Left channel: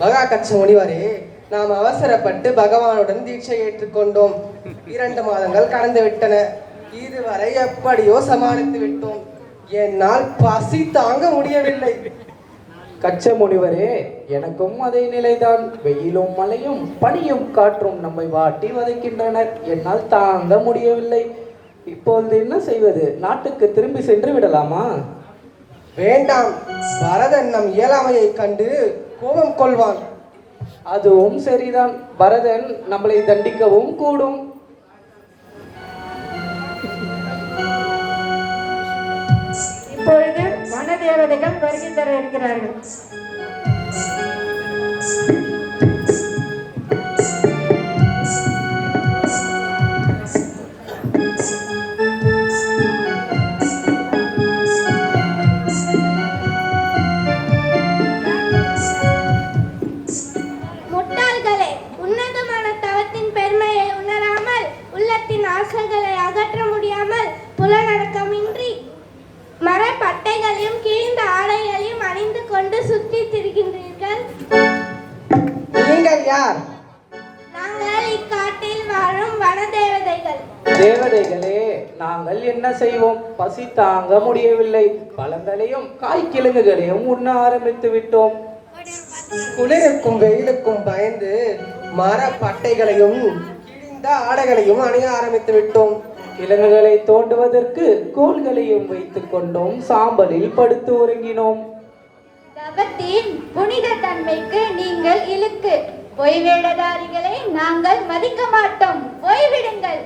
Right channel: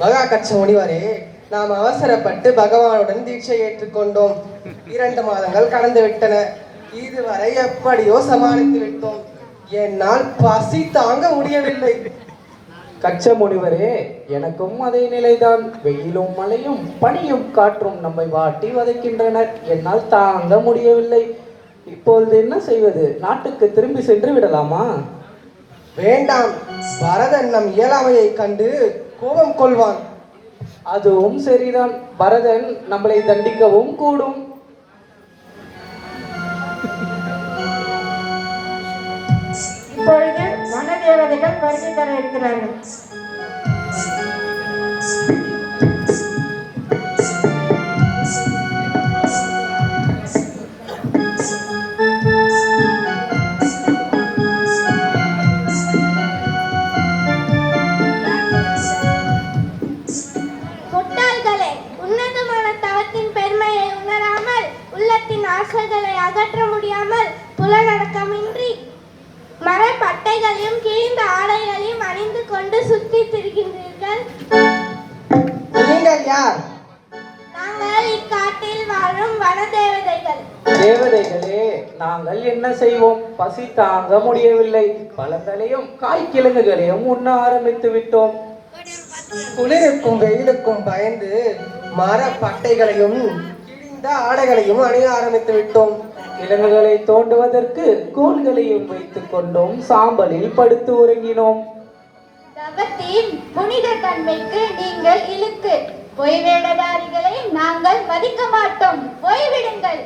மகா கட்சி முனிவரே, நாம் அவசரப்பட்டு பகவானுடன் தீட்சை ஏற்றுக்கொண்டோம். 2 மாதங்கள் கடந்து விட்டன. இதுவரை எப்படியோ சமாளித்து விட்டோம். என்னால் பசி தாங்க முடியவில்லை. கச்ச முனிவரே, எனக்கும் அதே நிலைதான். வெயிலும் மழையும் பனியும் காற்றும் நம்மை வாட்டி வதைக்கின்றனர். என்னால் தாங்க முடியவில்லை. இப்பொழுது என்ன செய்வது? நாட்டுக்கு திரும்பி சென்று விடலாமா? வேண்டாம். பரதன் நம் இயலாமையை கண்டு கோபம் கொள்வான். அதுவும் சரிதான். பரதன் நம்மளை தண்டிக்கவும் கூடும். இப்பொழுது வனதேவதைகள் வருகை தர இருக்கிறார்கள். முட்டாள்களே, உன்னதமான தவத்தின் பெருமையை உணராமல், உள்ளத்தின் ஆசைகளை அகற்ற முடியாமல், புலனடக்கமின்றி மரப்பட்டைகளையும் கிழிந்த ஆடைகளையும் அணிந்து கொண்டு சுத்தி திரிகின்றீர்கள். நீங்கள் யார்? நாங்கள் இக்காட்டில் வாழும் வனதேவதைகள். தேவதைகளே, நாங்கள் என்ன செய்வோம்? பசி தாங்க முடியவில்லை. பழங்களையும் காய்கிழங்குகளையும் உண்ண ஆரம்பித்து விட்டோம். குளிருக்கும் வெயிலுக்கும் பயந்து மரப்பட்டைகளையும் கிழிந்த ஆடைகளையும் அணிய ஆரம்பித்து விட்டோம். கிழங்குகளை தோண்டுவதற்கு கோல்களையும் வைத்துக் கொண்டோம். சாம்பலில் படுத்து உறங்கினோம். தவத்தின் புனித தன்மைக்கு நீங்கள் இழுக்கு. பொய்வேடதாரிகளை நாங்கள் மதிக்க மாட்டோம். போய்விடுங்கள்.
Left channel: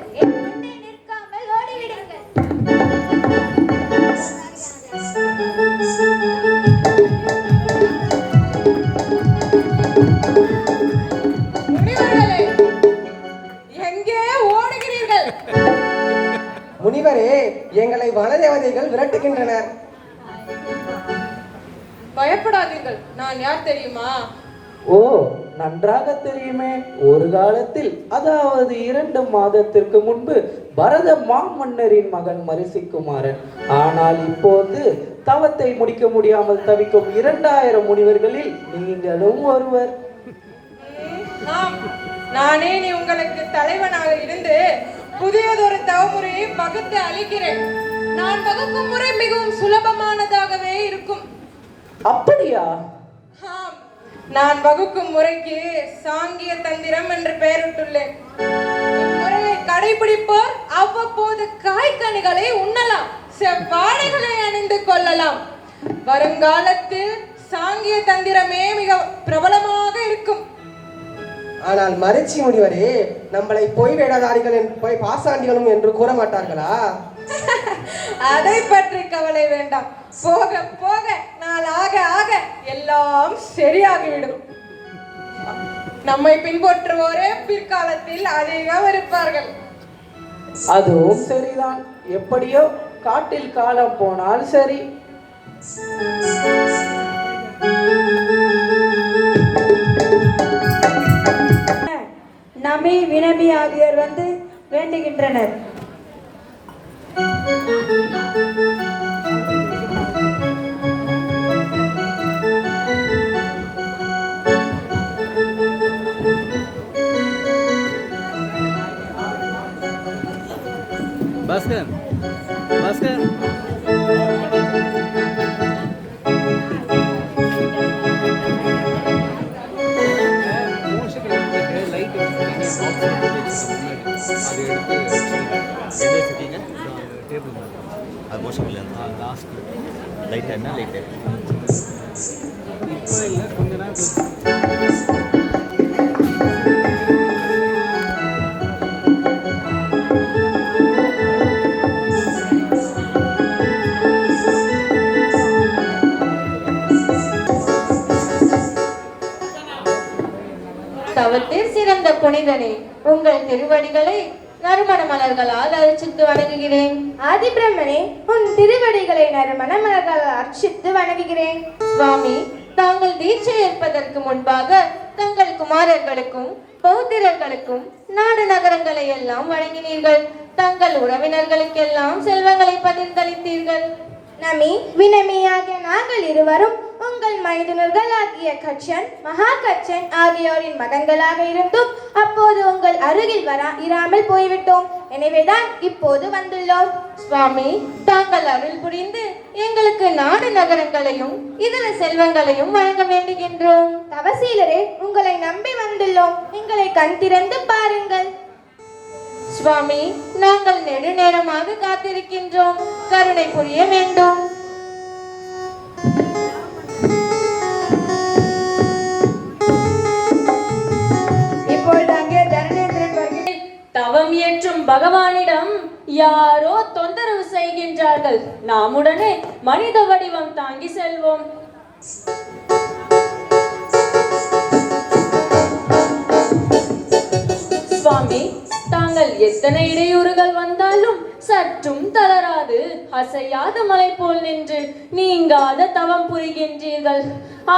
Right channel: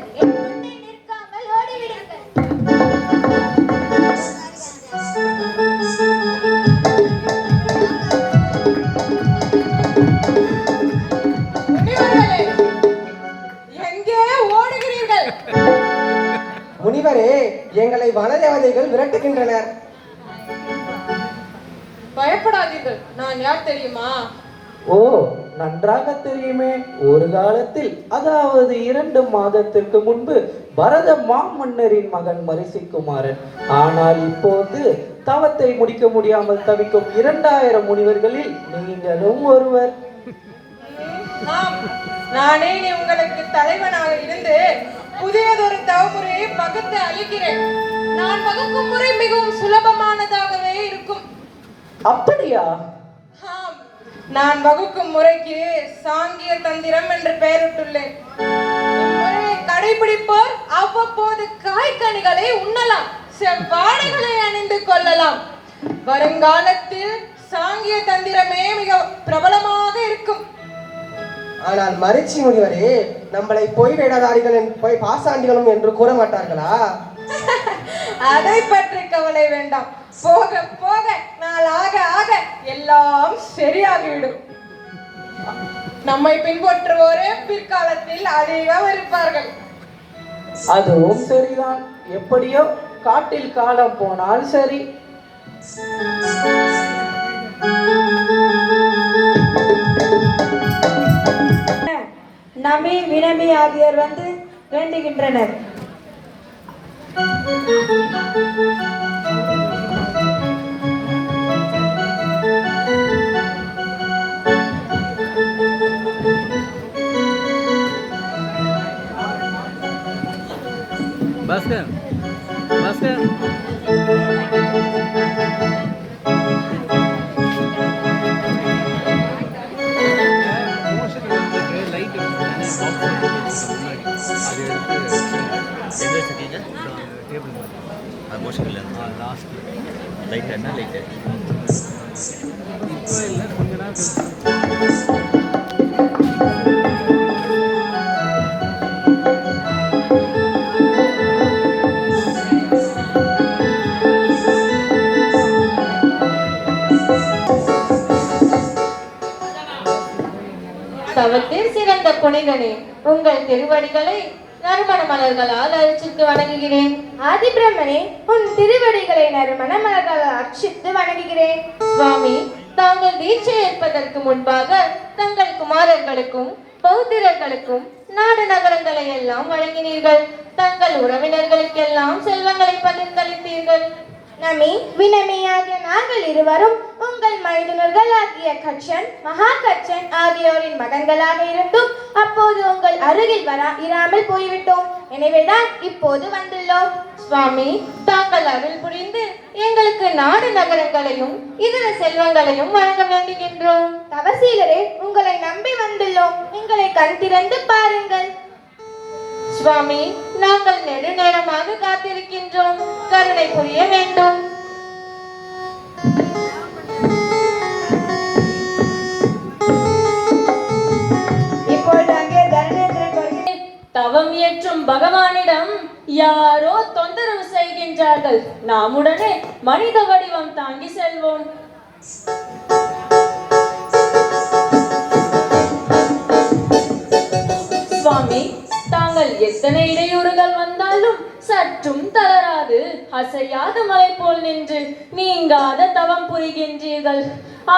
நிற்காமல் ஓடிவிடுங்கள். எங்கே ஓடுகிறீர்கள்? முனிவரே, எங்களை வனதேவதைகள் விரட்டுகின்றனர். பயப்படாதீர்கள். நான் யார் தெரியுமா? ஓ, நன்றாக தெரியுமே. ஒரு காலத்தில், அதாவது 2 மாதத்திற்கு முன்பு பரத மாமன்னரின் மகன் மரிசிக்குமாரன். ஆனால் இப்போது தவத்தை முடிக்க முடியாமல் தவிக்கும் 2000 முனிவர்களில் நீங்களும் ஒருவர். நானே நீ உங்களுக்கு தலைவனாக இருந்து புதியதொரு தவமுறையை பகுத்து அளிக்கிறேன். நான் வகுக்கும் முறை மிகவும் சுலபமானதாகவே இருக்கும். அப்படியா? நான் வகுக்கும் முறைக்கு சாங்கிய தந்திரம் என்று பெயரிட்டுள்ளேன். இம்முறையை கடைபிடிப்போர் அவ்வப்போது காய்கனிகளை உண்ணலாம், செவ்வாடைகளை அணிந்து கொள்ளலாம். வருங்காலத்தில் சாங்கிய தந்திரமே மிக பிரபலமாக இருக்கும். ஆனால் மரிச்சி முனிவரே, நம்மளை பொய் வேடதாரிகள் போய் பாசாண்டிகளும் என்று கூற மாட்டார்களா? அதை பற்றி கவலை வேண்டாம். போக போக நாள் ஆக ஆக எல்லாம் சரியாகிவிடும். நம்மை பின்பற்றுவோரே பிற்காலத்தில் அதிகம் இருப்பார்கள். அதுவும் சரிதான். எப்படியோ காட்டில் காலம் போனால் சரி. நபி வினபி ஆகியோர் வந்து வேண்டுகின்றனர். பாஸ்கர், பாஸ்கர், லைட் முன்னாடி அதை எடுத்து டேபிள் மாதிரி அது மோஷன் இல்லை. லாஸ்ட் லைட் என்ன லைட்டு இப்போ இல்லை, கொஞ்ச நேரம் தவத்தில் சிறந்த புனிதனே, உங்கள் திருவடிகளை நறுமண மலர்களால் அர்ச்சித்து வணங்குகிறேன். ஆதிபிரமனே, உன் திருவடிகளை நறுமண மலர்களால் அர்ச்சித்து வணங்குகிறேன். சுவாமி, தாங்கள் தீட்சை ஏற்பதற்கு முன்பாக தங்கள் குமாரர்களுக்கும் பௌத்திரர்களுக்கும் நாடு நகரங்களை எல்லாம் வழங்கினீர்கள். தங்கள் உறவினர்களுக்கெல்லாம் செல்வங்களை பகிர்ந்தளித்தீர்கள். நமி வினமி ஆகிய நாங்கள் இருவரும் உங்கள் மைதுனர்களாகிய கச்சன் மகாகச்சன் ஆகியோரின் மகன்களாக இருந்தும் அப்போது உங்கள் அருகில் இராமல் போய்விட்டோம். எனவேதான் இப்போது வந்துள்ளோம். சுவாமி, தாங்கள் அருள் புரிந்து எங்களுக்கு நாடு நகரங்களையும் இதர செல்வங்களையும் வழங்க வேண்டுகின்றோம். தவசீலரே, உங்களை நம்பி வந்துள்ளோம். எங்களை கண் திறந்து பாருங்கள். சுவாமி, நாங்கள் நெடுநேரமாக காத்திருக்கின்றோம். கருணை புரிய வேண்டும். இப்பொழுது அங்கே தனநேந்திரன் வருகிறேன். தவம் இயற்றும் பகவானிடம் யாரோ தொந்தரவு செய்கின்றார்கள். நாம் உடனே மனித வடிவம் தாங்கி செல்வோம். சுவாமி, தாங்கள் எத்தனை இடையூறுகள் வந்தாலும் சற்றும் தளராது அசையாத மலை போல் நின்று நீங்காத தவம் புரிகின்றீர்கள்.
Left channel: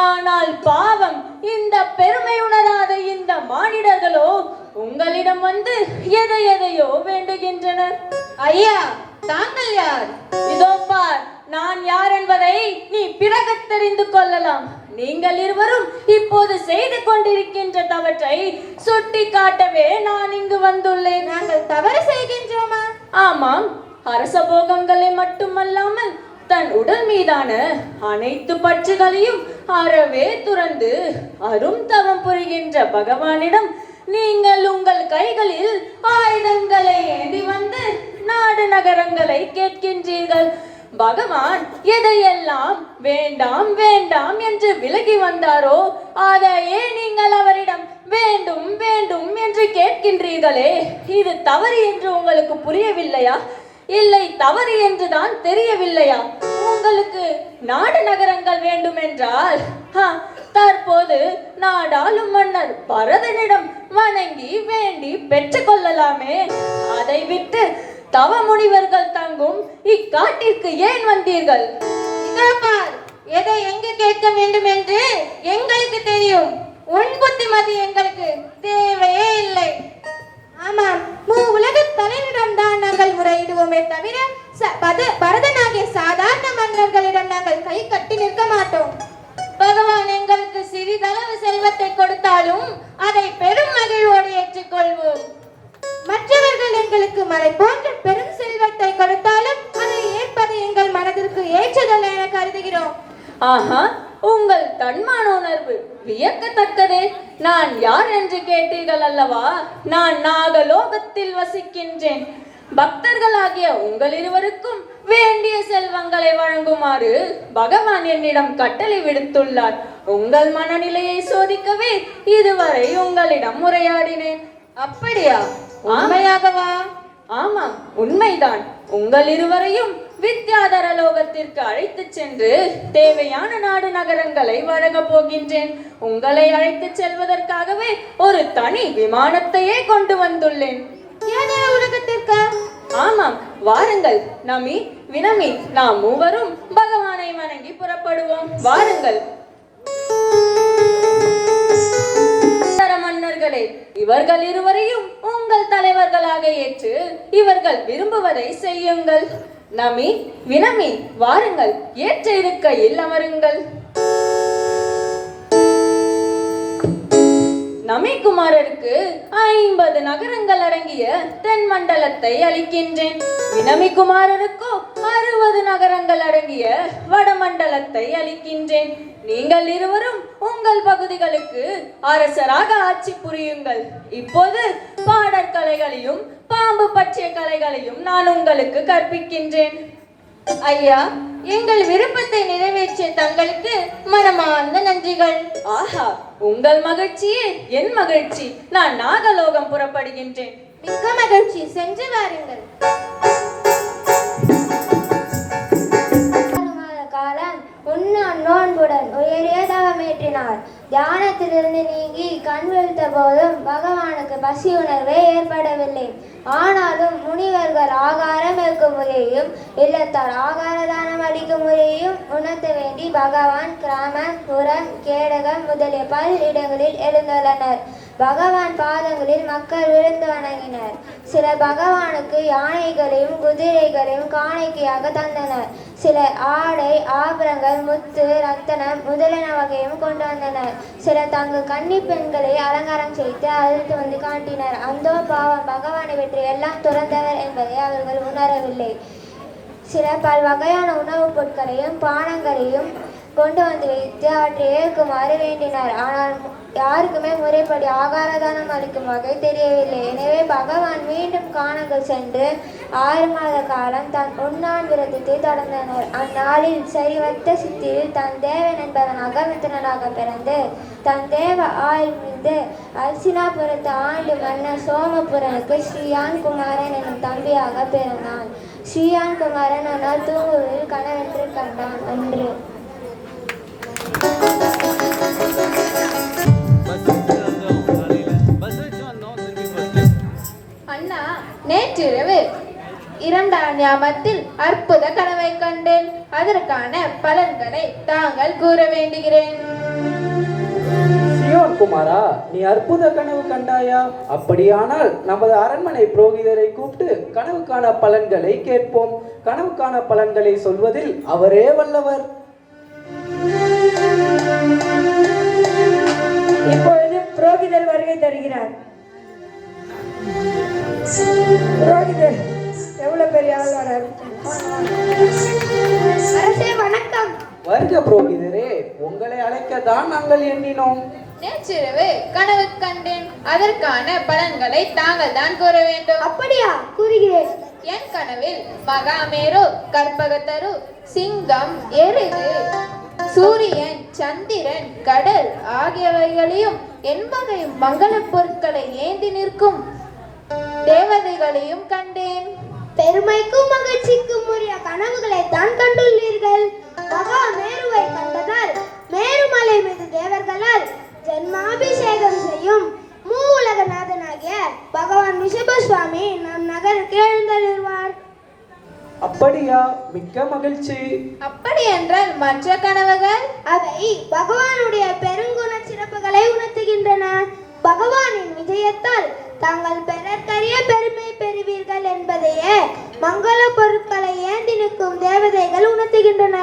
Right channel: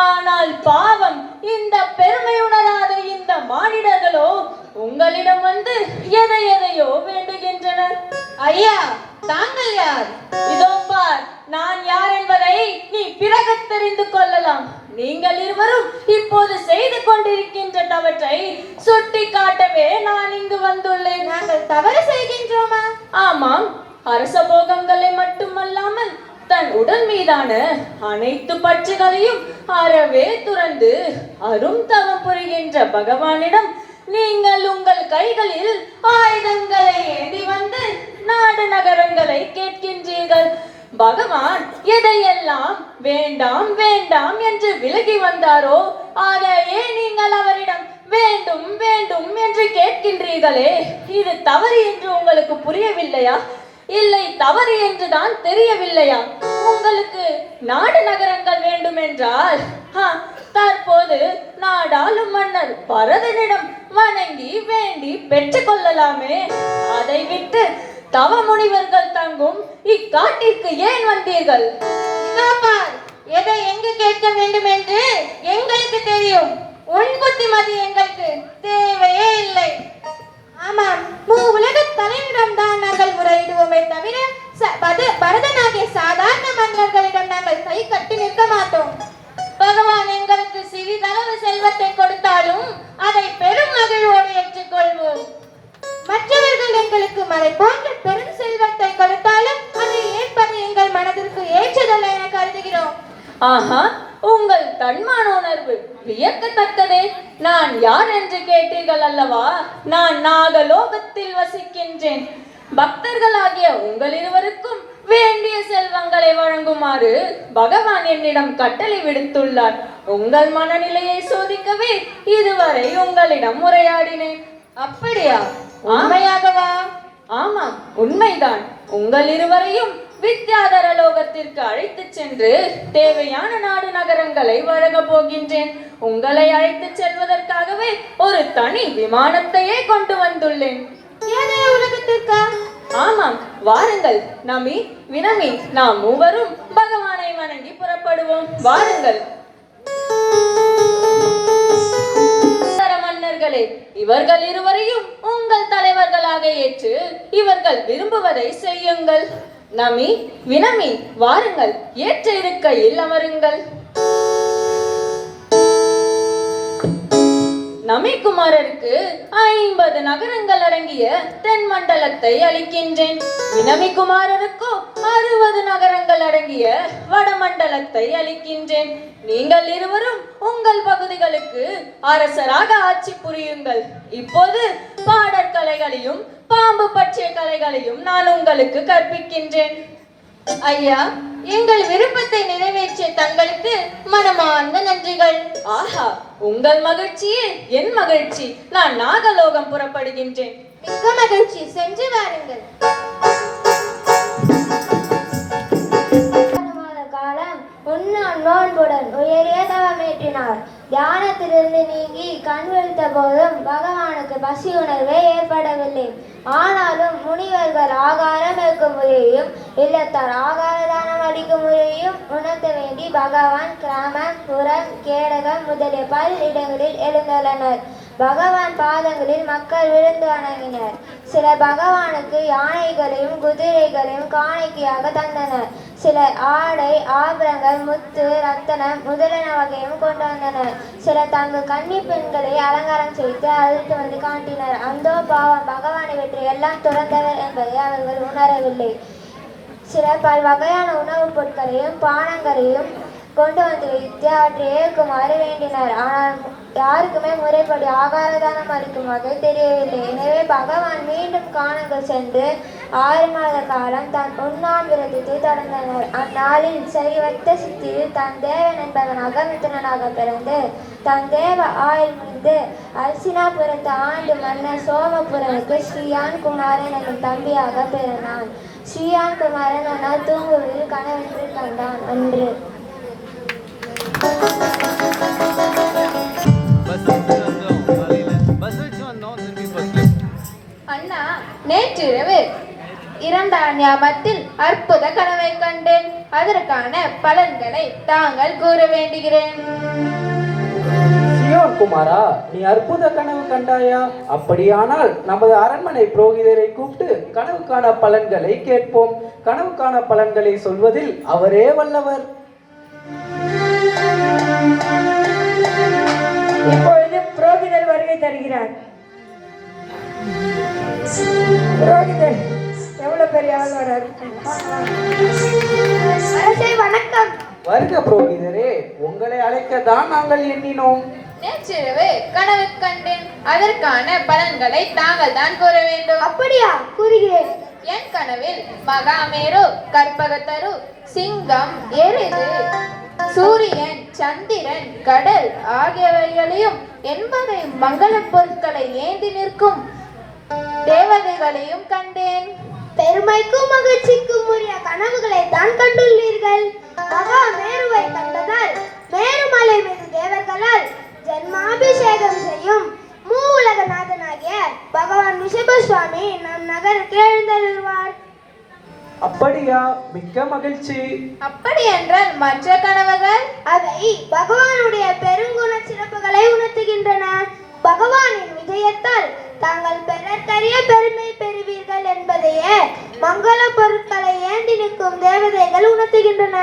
ஆனால் பாவம், இந்த பெருமை உணராத இந்த மானிடர்களோ உங்களிடம் வந்து எதையோ வேண்டுகின்றனர். ஐயா, தாங்கள் யார்? இதோ பார், நான் யார் என்பதை நீ பிறகு தெரிந்து கொள்ளலாம். நீங்கள் இருவரும் இப்போது செய்து கொண்டிருக்கின்ற தவற்றை சுட்டி காட்டவே நான் இங்கு வந்துள்ளேன். நாங்கள் தவறு செய்கின்றோமா? ஆமாம், அரச போகங்களை மட்டுமல்லாமல் தன் உடல் மீதான அனைத்து பற்றுகளையும் அறவே துறந்து அரும் தவம் புரிகின்ற பகவானிடம் நீங்கள் உங்கள் கைகளில் ஆயுதங்களை ஏந்தி வந்து நாடு நகரங்களை கேட்கின்றீர்கள். பகவான் எதையெல்லாம் வேண்டாம் வேண்டாம் என்று விலகி வந்தாரோ அதையே நீங்கள் அவரிடம் வேண்டும் வேண்டும் என்று கேட்கின்றீர்களே, இது தவறு என்று உங்களுக்கு புரியவில்லையா? இல்லை, தவறு என்றுதான் தெரியவில்லையா? உங்களுக்கு நாடு நகரங்கள் வேண்டும் என்றால் தற்போது நாடாளும் மன்னர் பரதனிடம் வணங்கி வேண்டி பெற்றுக் கொள்ளலாமே. அதை விட்டு தவ முனிவர்கள் தங்கும் இக்காட்டிற்கு ஏன் வந்தீர்கள்? எதை எங்கு கேட்க வேண்டும் என்று எங்களுக்கு தெரியும். உன் புத்திமதி எங்களுக்கு தேவையே இல்லை. ஆமாம், உலக தலைவரிடம் தான் நாங்கள் முறையிடுவோமே தவிர பரதனாகிய சாதாரண மன்னர்களிடம் நாங்கள் கை கட்டி நிற்க மாட்டோம். பகவான் எங்களுக்கு சிறிதளவு செல்வத்தை கொடுத்தாலும் அதை பெரும் மகிழ்வோடு ஏற்றுக்கொள்வோம். மற்றவர்கள் எங்களுக்கு மலை போன்ற பெரும் செல்வத்தை கொடுத்தாலும் அதை ஏற்பது எங்கள் மனதிற்கு ஏற்றதல்ல என கருதுகிறோம். ஆஹா, உங்கள் தன்மான உணர்வு வியக்கத்தக்கதே. நான் யார் என்று கேட்டீர்கள் அல்லவா? நான் நாகலோகத்தில் வசிக்கின்றேன். பக்தர்களாகிய உங்கள் இருவருக்கும் வேண்டிய செல்வங்களை வழங்குமாறு பகவான் என்னிடம் கட்டளை விடுத்துள்ளார். உங்கள் மனநிலையை சோதிக்கவே இதுவரை உங்களிடம் உரையாடினேன். அப்படியா? உண்மையாகவா? ஆமாம், உண்மைதான். உங்கள் இருவரையும் வித்யாதர லோகத்திற்கு அழைத்து சென்று தேவையான நாடு நகரங்களை வழங்க போகின்றேன். உங்களை அழைத்து செல்வதற்காகவே ஒரு தனி விமானத்தையே கொண்டு வந்துள்ளேன். உலகத்திற்கா? ஆமாம், வாருங்கள். நமி, வினமி, நாம் மூவரும் பகவானை வணங்கி புறப்படுவோம். வாருங்கள். மன்னர்களே, இவர்கள் இருவரையும் உங்கள் தலைவர்களாக ஏற்று இவர்கள் விரும்புவதை செய்யுங்கள். நமி, வினமி, வாருங்கள். ஏற்ற இருக்கையில் அமருங்கள். நமிக்குமாரருக்கு 50 நகரங்கள் அடங்கிய தென் மண்டலத்தை அளிக்கின்றேன். வினமிக்குமாரருக்கோ 60 நகரங்கள் அடங்கிய வடமண்டலத்தை அளிக்கின்றேன். நீங்கள் இருவரும் உங்கள் பகுதிகளுக்கு அரசராக ஆட்சி புரியுங்கள். இப்போது பாடற்கலைகளையும் பாம்பு பற்றிய கலைகளையும் நான் உங்களுக்கு கற்பிக்கின்றேன். ஐயா, எங்கள் விருப்பத்தை நிறைவேற்றிய தங்களுக்கு மனமார்ந்த நன்றிகள். ஆஹா, உங்கள் மகிழ்ச்சியே என் மகிழ்ச்சி. நான் நாகலோகம் புறப்படுகின்றேன். மிக்க மகிழ்ச்சி, சென்று வாருங்கள். காலம் உண்ணான் நோன்புடன் உயரிய தவமேற்றினார். தியானத்திலிருந்து நீங்கி கண் விழித்த போதும் பகவானுக்கு பசி உணர்வே ஏற்படவில்லை. ஆனாலும் முனிவர்கள் ஆகாரம் இருக்கும் முறையையும் இல்லத்தார் ஆகார தானம் அளிக்கும் முறையையும் உணர்த்த வேண்டி பகவான் கிராமம், புறம், கேடகம் முதலிய பல இடங்களில் எழுந்துள்ளனர். பகவான் பாதங்களில் மக்கள் விழுந்து வணங்கினர். சிலர் பகவானுக்கு யானைகளையும் குதிரைகளையும் காணிக்கையாக தந்தனர். சிலர் ஆடை ஆபரணங்கள் முத்து ரத்தனம் முதலான வகையும் கொண்டு வந்தனர். சிலர் தங்கள் கன்னி பெண்களை அலங்காரம் செய்து அழைத்து வந்து காட்டினர். அந்தோ பாவம், பகவானை வெற்றி எல்லாம் துறந்தவர் என்பதை அவர்கள் உணரவில்லை. சிலர் பல வகையான உணவுப் பொருட்களையும் பானங்களையும் கொண்டு வந்து வைத்து அவற்றை ஏற்குமாறு வேண்டினார். ஆனால் யாருக்குமே முறைப்படி ஆகாரதானம் அளிக்கும் வகை தெரியவில்லை. எனவே பகவான் மீண்டும் கானங்கள் சென்று 6 மாத காலம் தன் உண்ணாம் விரதத்தை தொடர்ந்தனர். அந்நாளில் சரிவத்த சித்தியில் தன் தேவன் என்பவன் அகமித்திரனாக பிறந்து தன் தேவ ஆயுள் மீது அல்சினாபுரத்து ஆண்டு மன்னர் சோமபுரனுக்கு ஸ்ரீயான் குமாரன் என்னும் தம்பியாக பிறந்தான். ஸ்ரீயான் குமாரன் ஆனால் தூங்குவதில் கனவென்று கண்டான் என்று. அண்ணா, நேற்றிரவு 2ஆம் யாமத்தில் அற்புத கனவை கண்டேன். அதற்கான பலன்களை தாங்கள் கூற வேண்டுகிறேன். சியோன் குமாரா, நீ அற்புத கனவு கண்டாயா? அப்படியானால் நமது அரண்மனை புரோகிதரை கூப்பிட்டு கனவுக்கான பலன்களை கேட்போம். கனவுக்கான பலன்களை சொல்வதில் அவரே வல்லவர். இப்பொழுது புரோகிதர் வருகை தருகிறார். புரோகிதர் எவ்வளவு பெரிய ஆளுநர். வணக்கம். வருக புரோகிதரே, உங்களை அழைக்கத்தான் நாங்கள் எண்ணினோம். நேற்றிரவு கனவை கண்டேன். அதற்கான பலன்களை தாங்கள் தான் கூற வேண்டும். அப்படியா? கூறுகிறேன். என் கனவில் மகாமேரு, கற்பகத்தரு, சிங்கம், எருது, சூரியன், சந்திரன், கடல் ஆகியவைகளையும் 80 மங்கள பொருட்களை ஏந்தி நிற்கும் தேவதைகளையும் கண்டேன். பெருமைக்கும் மகிழ்ச்சிக்கும் உரிய கனவுகளை தான் கண்டுள்ளீர்கள். மகா மேருவை கண்டதால் மேருமலை மீது தேவர்களால் ஜன்மாபிஷேகம் செய்யும் மூவுலகநாதனாகிய பகவான் ரிஷப சுவாமி நம் நகருக்கு எழுந்தருள்வார். அப்படியா? மிக்க மகிழ்ச்சி. அப்படி என்றால் மற்ற கனவுகள்? அவை பகவானுடைய பெருங்குண சிறப்புகளை உணர்த்துகின்றன. பகவானின் விஜயத்தால் தாங்கள் பெறத்தறிய பெருமை பெறுவீர்கள் என்பதையே மங்கள பொருட்களை ஏந்தி நிற்கும் தேவதைகள் உணர்த்துகின்றன.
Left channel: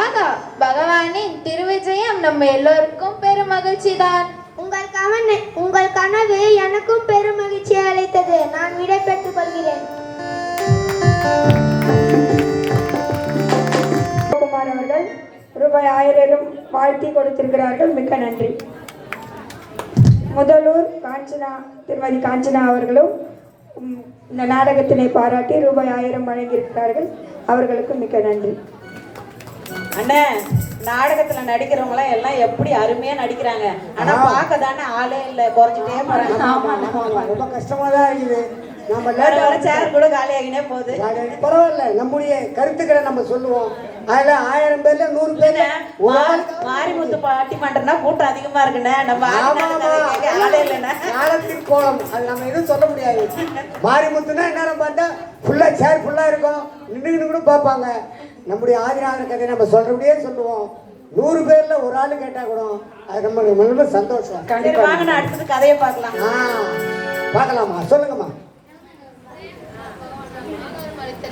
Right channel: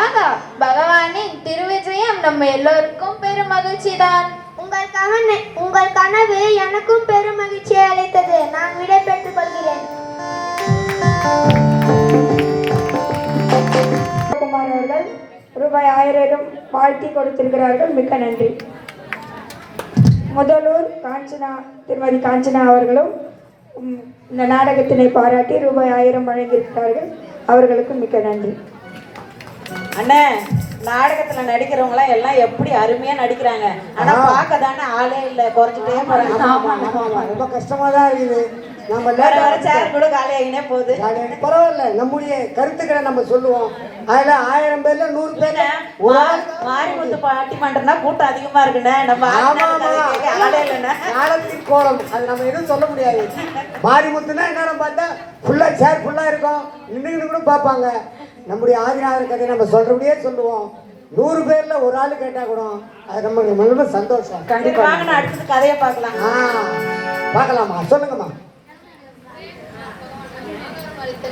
ஆகா, பகவானின் திருவிஜயம் நம்ம எல்லோருக்கும் பெரும் மகிழ்ச்சி தான். உங்கள் கனவு எனக்கும் பெரும் மகிழ்ச்சியை அளித்தது. நான் விடை பெற்றுக் கொள்கிறேன். குமார் அவர்கள் ரூபாய் 1000 வாழ்த்தி கொடுத்திருக்கிறார்கள். மிக்க நன்றி. முதலூர் திருமதி காஞ்சனா அவர்களும் இந்த நாடகத்தினை பாராட்டி ரூபாய் 1000 வழங்கியிருக்கிறார்கள். அவர்களுக்கு மிக்க நன்றி. அண்ணே, நாடகத்துல நடிக்கிறவங்க எல்லாம் எப்படி அருமையா நடிக்கிறாங்க. ஆனா பார்க்க தானே ஆளே இல்ல, குறைஞ்சிட்டே போறாங்க. ரொம்ப கஷ்டமா தான் இருக்குது. நம்ம வர வர சேர் கூட காலியாகினே போகுது. பரவாயில்ல, நம்முடைய கருத்துக்களை நம்ம சொல்லுவோம். அதுல 1000 பேர்ல 100 பேர் மாரிமுத்து பாட்டி மன்றம்னா கூட்டம் அதிகமா இருக்குண்ணே. நம்ம ஆளே இல்லைண்ணே. காலத்தின் கோலம், அது நம்ம எதுவும் சொல்ல முடியாது. மாரிமுத்துனா என்னன்னு பார்த்தா ஃபுல்லா சேர் ஃபுல்லா இருக்கும், நின்று கூட பார்ப்பாங்க. நம்முடைய ஆதிநாதர் கதையை நம்ம சொல்றபடியே சொல்லுவோம். 100 பேர்ல ஒரு ஆளு கேட்டா கூட அது நம்ம ரொம்ப சந்தோஷம். கண்டிப்பா அடுத்தது கதையை பார்க்கலாம். பார்க்கலாமா? சொல்லுங்கம்மா.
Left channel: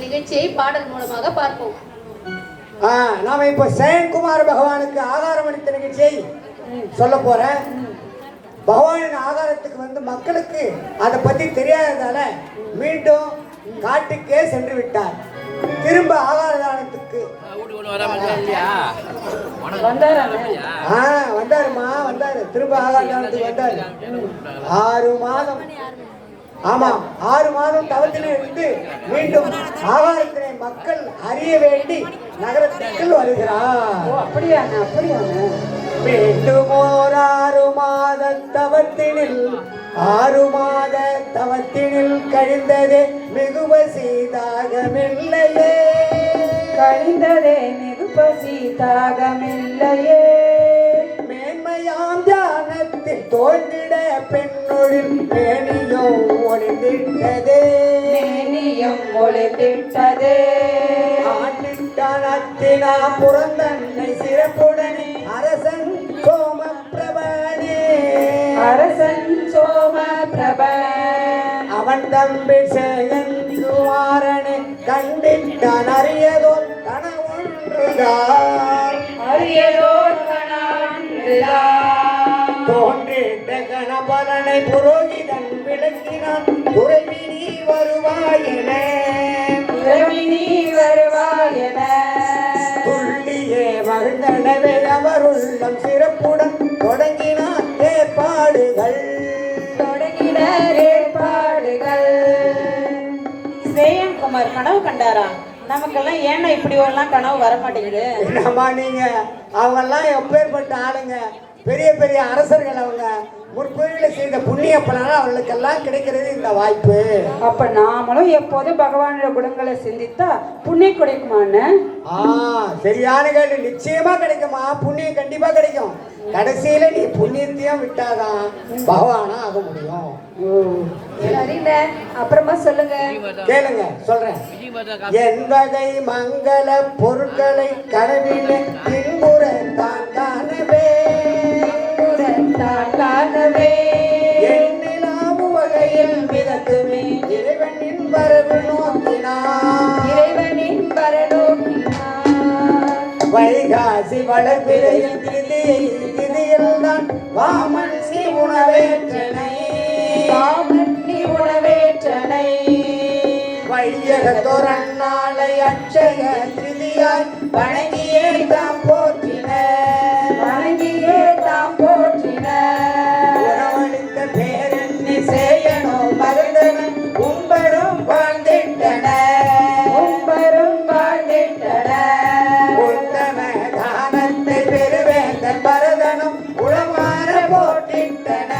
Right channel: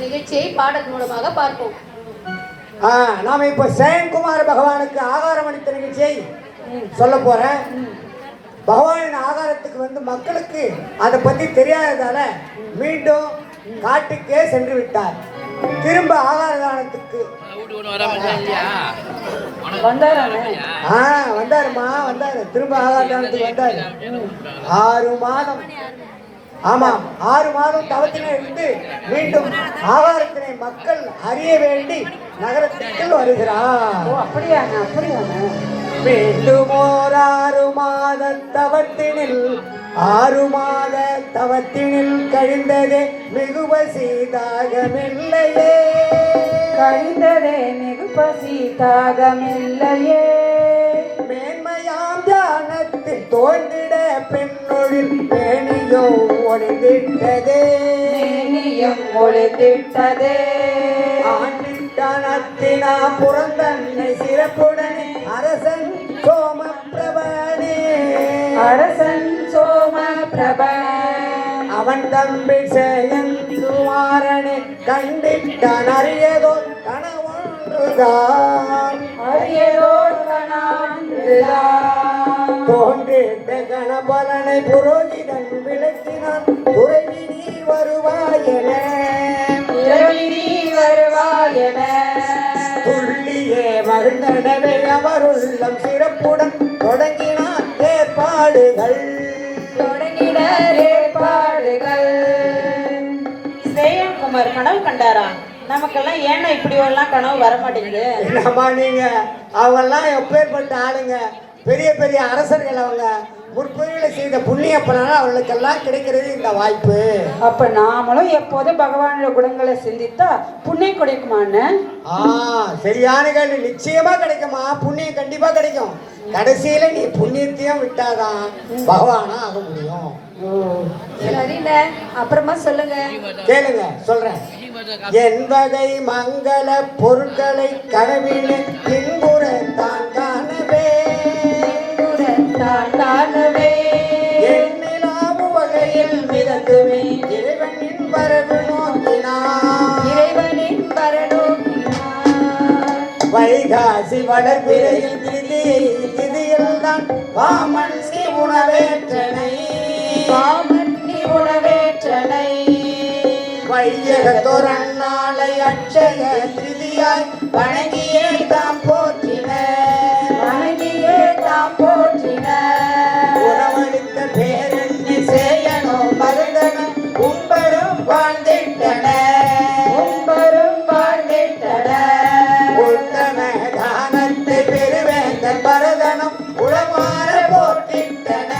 நிகழ்ச்சியை பாடல் மூலமாக பார்ப்போம். நாம இப்போ சேயன்குமார் பகவானுக்கு ஆகாரம் அளித்த நிகழ்ச்சியை சொல்ல போறேன். பகவானின் ஆகாரத்துக்கு மக்களுக்கு அதை பத்தி தெரியாததால மீண்டும் காட்டுக்கே சென்று விட்டார். திரும்ப ஆகார தானத்துக்கு வந்தாருமா, வந்தாரு. திரும்ப ஆகார தானத்துக்கு வந்தாரு. 6 மாதம், ஆமாம் 6 மாதம் தவத்தினை இருந்து மீண்டும் ஆகாரத்தினை மக்கள் அறிய வேண்டி நகரத்திற்குள் வருகிறார். அப்படியா? மீண்டும் 6 மாத தவத்தினில் 6 மாத தவத்தினில் கழிந்ததே மிகு பசி தாகமில்லையே, கழிந்ததே மிகு பசி தாகமில்லையே. மேன்மையாம் தியானத்தில் தோன்றிட பெண்ணொழில் மேனியும் ஒளிந்திட்டதே, மேனியும் ஒளிந்திட்டதே. ஆண்டிட்டனத்தினா புறந்தன்னை சிறப்புடனே அரசன் சோம பிரபனே, அரசன் சோம பிரபன் அவன் தம்பி சேயன் குமாரனே கண்டிட்டான் அறியதோ கணவன் தோன்றிட்ட கணபலனை புரோகிதன் விளக்கினான் துறவி நீ வருவாயென துள்ளியே மகிழ்ந்தனவே அவருள்ளம் சிறப்புடன் தொடங்கினார் ஏற்பாடுகள் சேயன்குமார் கனவு கண்டாரா? நமக்கெல்லாம் ஏன்னா இப்படி எல்லாம் கனவு வர மாட்டேங்குது. என்னம்மா நீங்க அவங்கெல்லாம் எப்பேற்பட்ட ஆளுங்க, பெரிய பெரிய அரசர்கள், அவங்க முற்பொழிகளை செய்த புண்ணிய பலனால் அவங்களுக்கெல்லாம் கிடைக்கிறது இந்த வாய்ப்பு. அப்ப நாமளும் எப்போதும் பகவானோட குணங்களை சிந்தித்தா புண்ணியம் கிடைக்குமான்னு? சரியான கேள்வி. நிச்சயமா கிடைக்குமா, புண்ணியம் கண்டிப்பா கிடைக்கும். கடைசியில நீ புண்ணியத்தையும் விட்டாதான் பகவானா ஆக முடியும். அப்புறமா சொல்லுங்க. கேளுங்க, சொல்றேன். என் வகை மங்கள பொருட்களை கனவிலே பின்புற தான் காணவே எண்ணிலாவு வகையில் மிதக்குமே இறைவனின் வரவு நோக்கினார் வைகாசி வளர்பிறையில் திதியில் தான் வாமன் ஸ்ரீ உணவேற்றனை வையகத்தோரன் நாளை அட்சய திருதியாய் வணங்கியே தாம் போற்றின உணவளித்த பேரெண்ணி சேயனோ மருந்தனோ உம்பரும் வாழ்ந்திட்டன உத்தம தானத்தை பெருவேந்த பரதனம் உளமாற போட்டிட்டன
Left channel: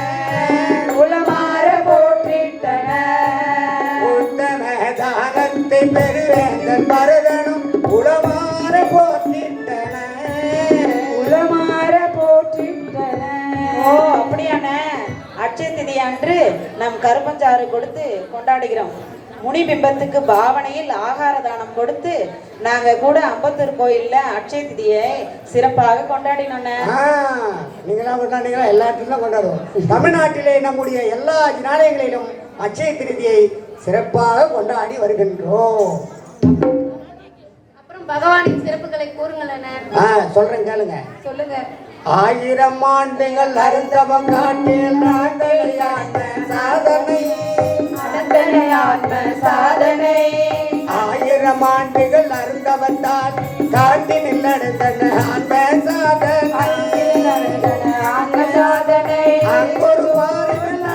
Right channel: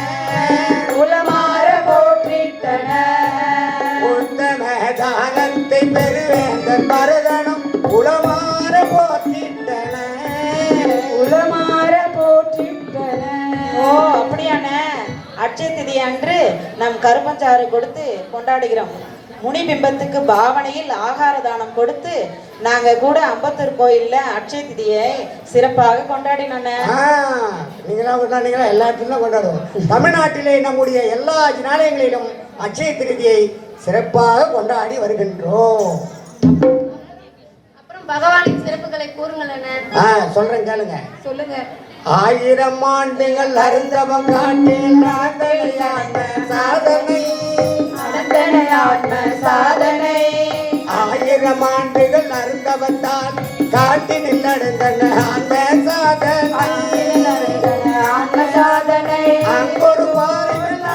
உத்தம தானத்தை பெருவேந்த பரதனம் உளமாற போட்டிட்டன ஓ அப்படியாண்ணே. அட்சய திதி அன்று நம் கருப்பஞ்சாறு கொடுத்து கொண்டாடுகிறோம். முனி பிம்பத்துக்கு பாவனையில் ஆகார தானம் கொடுத்து நாங்க கூட அம்பத்தூர் கோயில்ல அட்சய திதியை சிறப்பாக கொண்டாடினோம். நீங்களா கொண்டாடுங்களா? எல்லா இடத்துலையும் கொண்டாடுவோம். தமிழ்நாட்டிலே நம்முடைய எல்லா ஜனாலயங்களிலும் அட்சய திருதியை சிறப்பாக கொண்டாடி வருகின்றோம். அப்புறம் பகவானின் சிறப்புகளை கூறுங்களேன். சொல்றேன், கேளுங்க. சொல்லுங்க. 1000 ஆண்டுகள் அருந்தவம் காட்டில் சாதனை 1000 ஆண்டுகள் அருந்தவத்தால் காட்டினில் அடைந்தன சாதனை அங்கொரு வாரத்தில்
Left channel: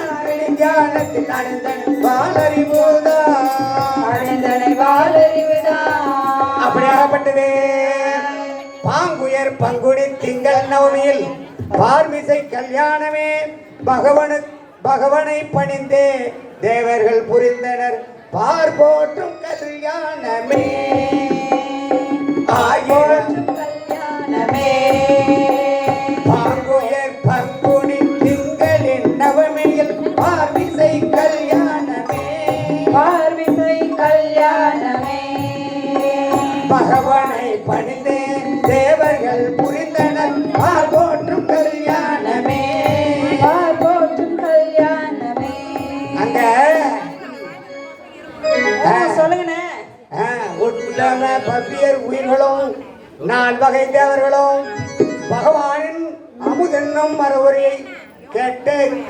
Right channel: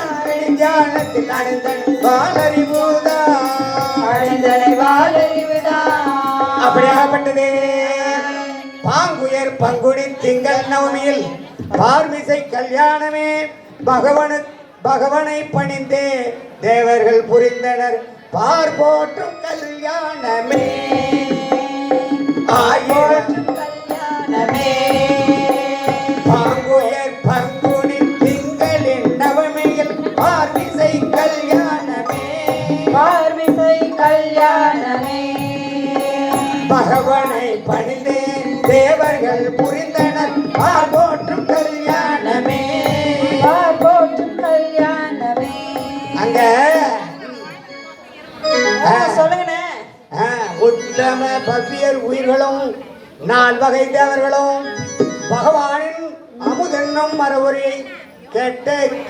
அடைந்தன வாலறிவுதா அப்படியாகப்பட்டது. பாங்குயர் பங்குனி திங்கள் நவமியில் பார்மிசை கல்யாணமே பகவனை பணிந்தே தேவர்கள் புரிந்தனர் பார்போற்றும் கல்யாணமே பாங்குயர் பங்குனி திங்களின் நவமியில் பார்மிசை கல்யாணமே பகவனை பணிந்தே தேவர்கள் புரிந்தனர் பார்போற்றும் கல்யாணமே அங்க சொல்லுங்கண்ணே. உத்தம பவ்யர் உயிர்களும் 4 வகை தேவர்களும் பகவானின் அமுதென்னும் மறுவுரை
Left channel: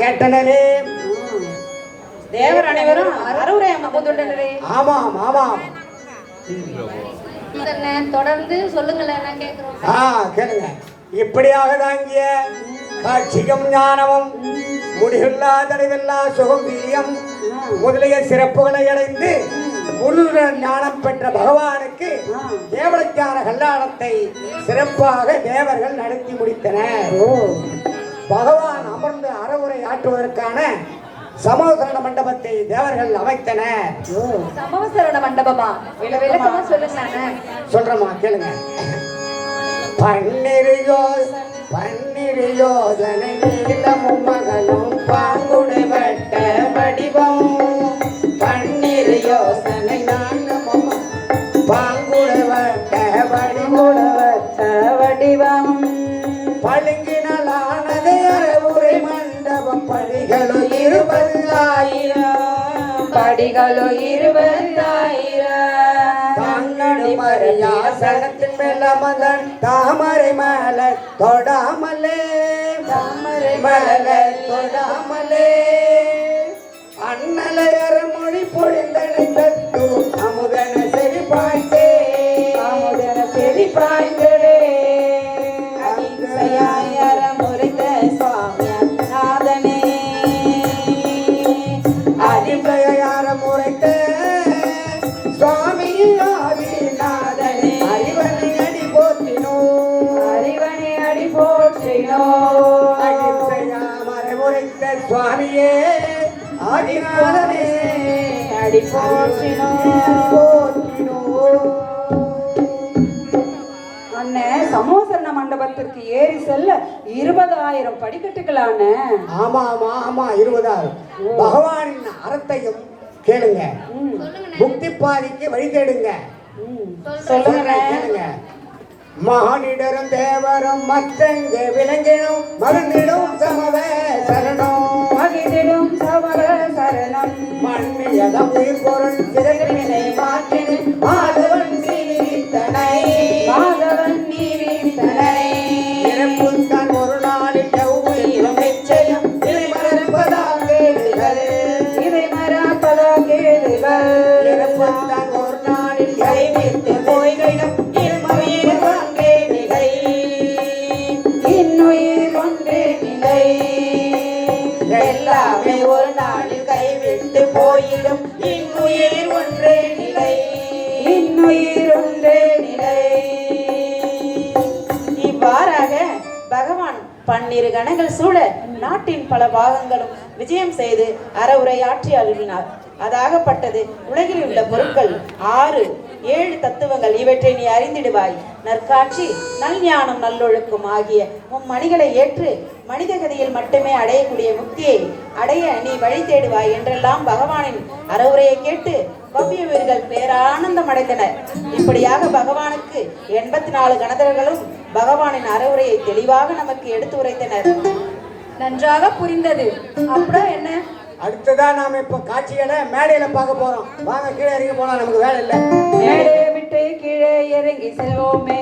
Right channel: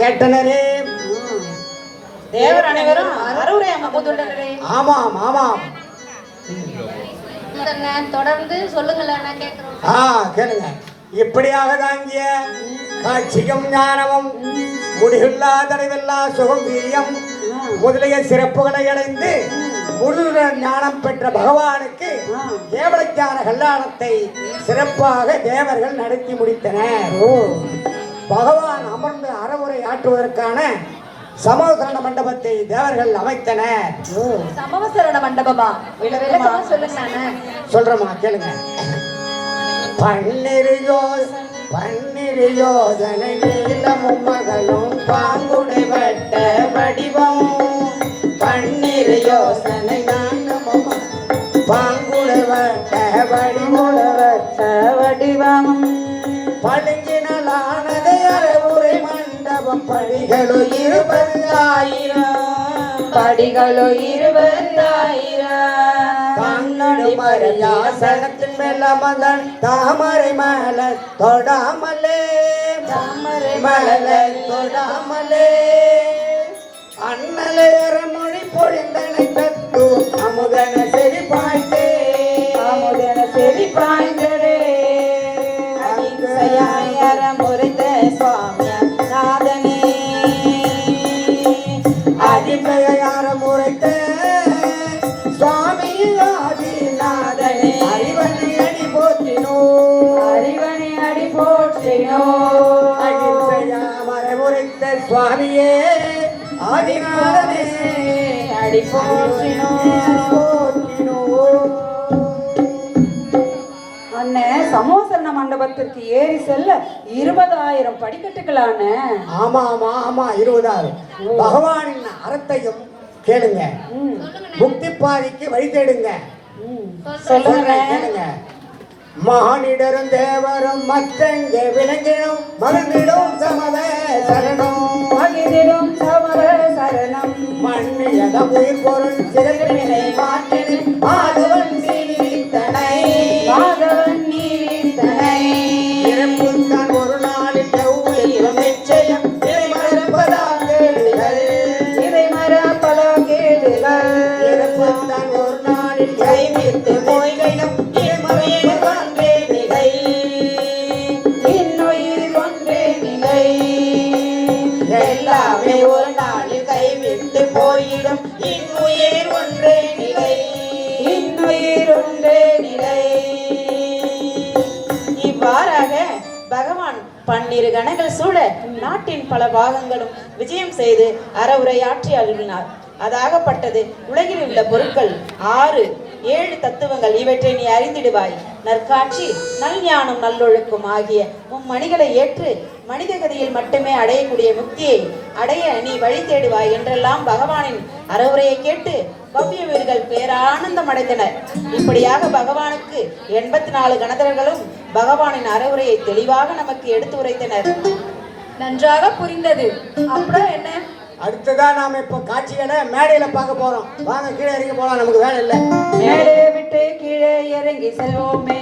கேட்டனரே. தேவர் அனைவரும் அறுவரை அமுதுள்ளனரே. ஆமாம் ஆமாம். தொடர்ந்து சொல்லுங்களேன், கேட்கிறோம். கேளுங்க. இப்படியாக தாங்கிய காட்சியும் ஞானமும் முடிவில்லா தடைவில்லா சுகம் வீரியம் முதலிய சிறப்புகளை அடைந்து முழு ஞானம் பெற்ற பகவானுக்கு தேவலக்கான கல்யாணத்தை சிறப்பாக தேவர்கள் நடத்தி முடித்தனர். பகவான் அமர்ந்து அறவுரை ஆற்றுவதற்கான சமவசரண மண்டபத்தை தேவர்கள் அமைத்தனர். சமவசரண மண்டபமா? சொல்றமா, கேளுங்க. பன்னிரு யோஜனை நீளமும் மகளும் பாங்குடை வட்ட வடிவம் பன்னிரு யோசனை நாளமும் பாங்குடை வட்ட வடிவம் படுங்கினானது அறவுரை மண்டபம் படிகளோ 20,000 தன்னடி மறைய சிங்காசனத்தின் மேல் அமர்ந்தான் தாமரை மலர் தொடாமலே தாமரை மலர் தொடாமலே அண்ணலை அறமொழி பொழிந்தனை தத்து அமுதன செவி பாய்ந்தே அமுதன செவி பாய்ந்தே அகிம்சையாயர முறைத்த சுவாமியார் நாதனே அடிமையார முறைத்த சுவாமி ஆதிநாதனே அறிவனை அடி போற்றினோ அறிவனை அடி போற்றினோ அடிமையாமர முறைத்த சுவாமியே ஆதிநாதனே அடி போற்றினோ போற்றினோ. அண்ணே சமோசரண மண்டபத்திற்கு ஏறி செல்ல 20,000 படிக்கட்டுகளான. ஆமா ஆமா ஆமா 20,000. பகவானின் அறத்தையும் கேளுங்க, முக்தி பாதைக்கு வழி தேடுங்க. சொல்லுங்க. கேளுங்க. மானிடரும் தேவரும் மற்றங்க விலங்கினும் மறந்திடும் சமவ சரணம் மகிழ்ந்திடும் சமவ சரணம் மண்ணியதம் உயிர் பொருள் சிறப்பினை மாற்றினு மாதவன் சீரித்தனை மாதவன் நீரித்தனை இறப்புத்தான் ஒரு நாளில் எவ்வுயிரும் நிச்சயம் இதை மறப்பதால் கேளுங்கள் இதை மறப்பதால் கேளுங்கள் இறப்புத்தான் ஒரு நாளில் கைவிட்டு போய்கையும் இம்மறையில் கொண்டே நிலை இன்னுயிர் கொண்டே நிலை எல்லாமே ஒரு நாளில் கைவிட்டு போயிடும் இன்னுயிர் ஒன்றே நிலை இன்னுயிர் ஒன்றே நிலை. இவ்வாறாக பகவான் 12 கணங்கள் சூழ நாட்டின் பல பாகங்களும் விஜயம் செய்து அறவுரையாற்றி அருளினார். அதாகப்பட்டது உலகில் உள்ள பொருட்கள் 6, 7 தத்துவங்கள், இவற்றை நீ அறிந்திடுவாய். நற்காட்சி, நல்ஞானம், நல்லொழுக்கம் ஆகிய மும்மணிகளை ஏற்று மனித கதியில் மட்டுமே அடையக்கூடிய முக்தியை அடைய நீ வழி தேடுவாய் என்றெல்லாம் பகவானின் அறவுரையை கேட்டு பவ்ய வீரர்கள் பேரானந்தம் அடைந்தனர். இப்படியாக பகவானுக்கு 84 கணதர்களும் பகவானின் அறவுரையை தெளிவாக நமக்கு எடுத்து உரைத்தனர். நன்றாக புரிந்தது. அப்புறம் என்ன? அடுத்ததா நாம இப்ப காட்சிகளை மேடையில பார்க்க போறோம். வாங்க கீழே இறங்கி போலாம், நமக்கு வேலை இல்லை. மேடையை விட்டு கீழே இறங்கி செல்வோமே,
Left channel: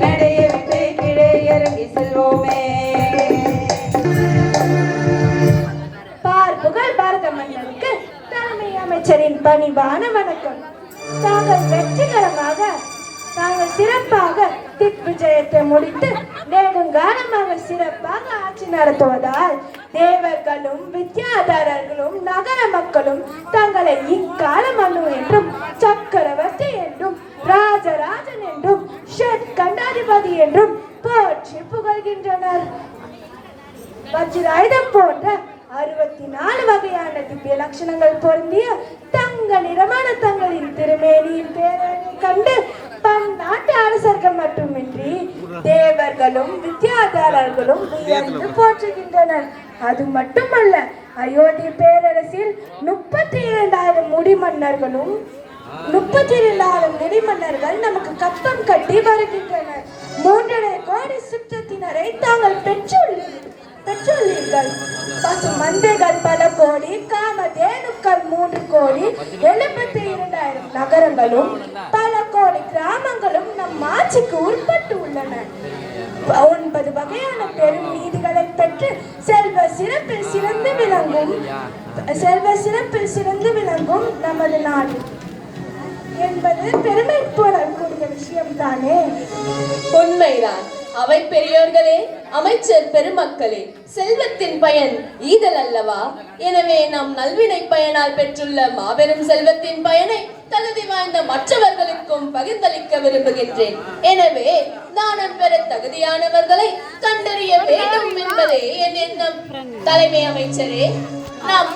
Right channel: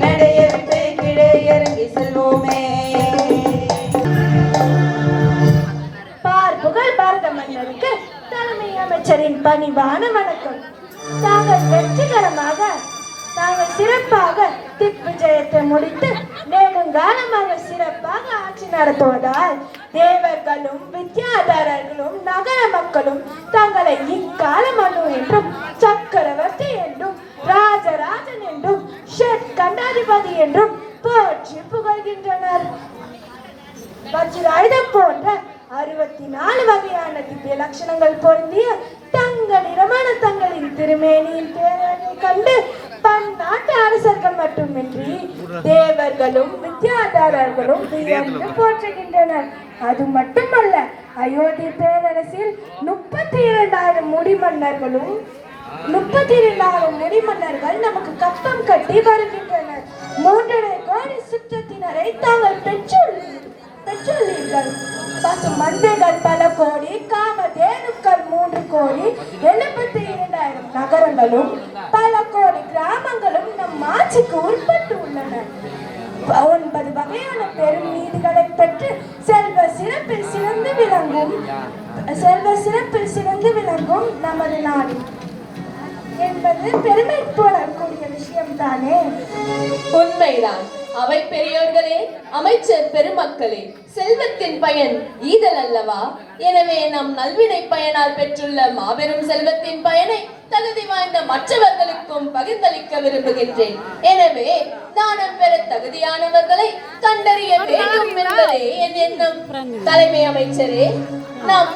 மேடையை விட்டு கீழே இறங்கி செல்வோமே. புகழ் பாரத மன்னருக்கு தலைமை அமைச்சரின் பணிவான வணக்கம். தாங்கள் வெற்றிகரமாக தாங்கள் சிறப்பாக திக்விஜயத்தை முடித்து நெடுங்காலமாக சிறப்பாக ஆட்சி நடத்துவதால் தேவர்களும் வித்யாதரர்களும் நகர மக்களும் தங்களை இக்கால மன்னு என்றும் சக்கரவர்த்தி என்றும் ராஜராஜன் என்றும் ஷட் கண்டாதிபதி என்றும் போற்றி புகழ்கின்றனர். வஜ்ராயுதம் போன்ற 64 வகையான திவ்ய லட்சணங்கள் பொருந்திய தங்க நிறமான தங்களின் திருமேனியின் பேரனை கண்டு பம் நாட்டு அரசர்கள் மட்டுமின்றி தேவர்களும் வித்யாதாரர்களும் வியந்து போற்றுகின்றனர். அது மட்டுமல்ல, அயோத்தி பேரரசில் 32,000 முடிமன்னர்களும் 32,000 முடிமன்னர்கள் நமக்கு கப்பம் கட்டி வருகின்றனர். 3.5 கோடி சுற்றத்தினரை தாங்கள் பெற்றுள்ளீர்கள். பசு மந்தைகள் பல கோடி, காமதேனுக்கள் 3 கோடி, 72,000 நகரங்களும் பல கோடி கிராமங்களும் நம் ஆட்சிக்கு உட்பட்டு உள்ளன. 9 வகையான பெரும் நீதிகளை பெற்று செல்வ சிறப்பில் சிறந்து விளங்கும் நமது நாடு என்பது பெருமை போடக்கூடிய விஷயம் தானே. உண்மைதான். அவை பெரியோர்களே, அமைச்சர் பெருமக்களே, செல்வத்தின் பயன் ஈதல் அல்லவா? எனவே நம் நல்வினை பயனால் பெற்றுள்ள மாபெரும் செல்வத்தின் பயனை தகுதி வாய்ந்த மற்றவர்களுக்கும் பகிர்ந்தளிக்க விரும்புகின்றேன். எனவே தானம் பெற தகுதியானவர்களை கண்டறிய வேண்டும் என்பதே என் எண்ணம். தலைமை அமைச்சரே, நாம்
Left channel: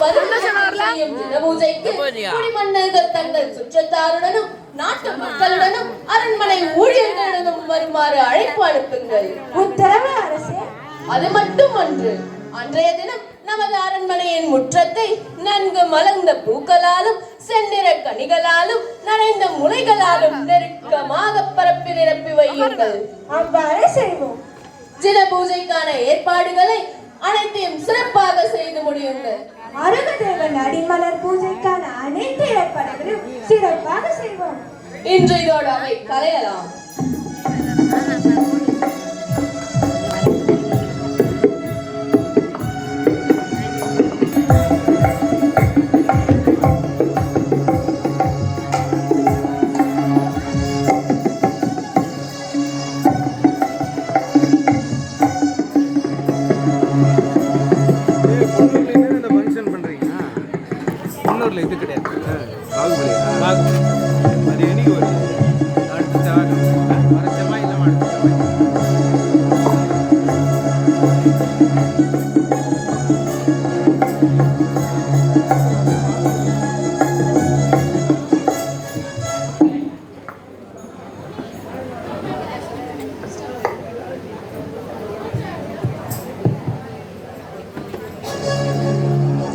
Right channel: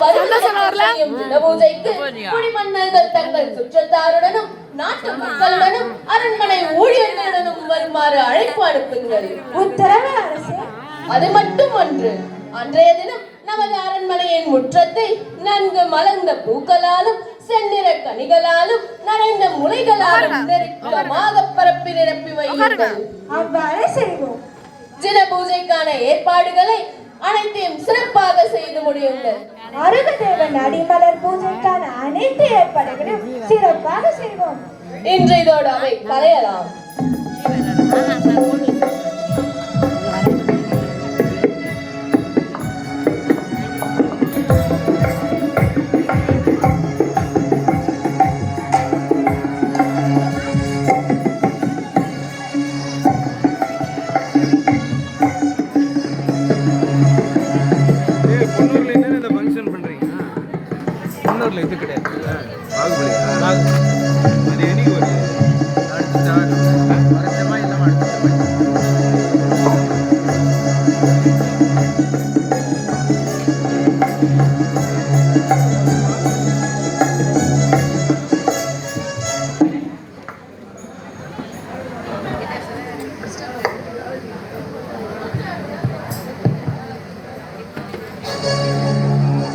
செய்யும் தினபூஜைக்கு குடிமன்னர்கள் தங்கள் சுற்றத்தாருடனும் நாட்டு மக்களுடனும் அரண்மனை ஊழியர்களுடனும் வருமாறு அழைப்பு அனுப்புங்கள். உத்தரவு அரசே. அது மட்டும் அன்று, அன்றைய தினம் நமது அரண்மனையின் முற்றத்தை நன்கு மலர்ந்த பூக்களாலும் செந்நிற கனிகளாலும் நனைந்த முளைகளாலும் நெருக்கமாக பரப்பி நிரப்பி வையுங்கள். அவ்வாறே செய்வோம். தின பூஜைக்கான ஏற்பாடுகளை அனைத்தையும் சிறப்பாக செய்து முடியுங்கள். அருகதேவன் அடிமலர் பூஜைக்கான அனைத்து ஏற்பாடுகளையும் சிறப்பாக செய்வோம். இன்று இதோடு அவை கலையலாம். பொன்னூர்ல என்ன இந்த ஃபங்க்ஷன் பண்றீங்க? பொன்னூர்ல இது கிடையாது. பாகுபலி. அது என்னைக்கு வரும்? அடுத்த செவ்வாய். வர செவ்வாய் இல்லாம அடுத்த செவ்வாய்.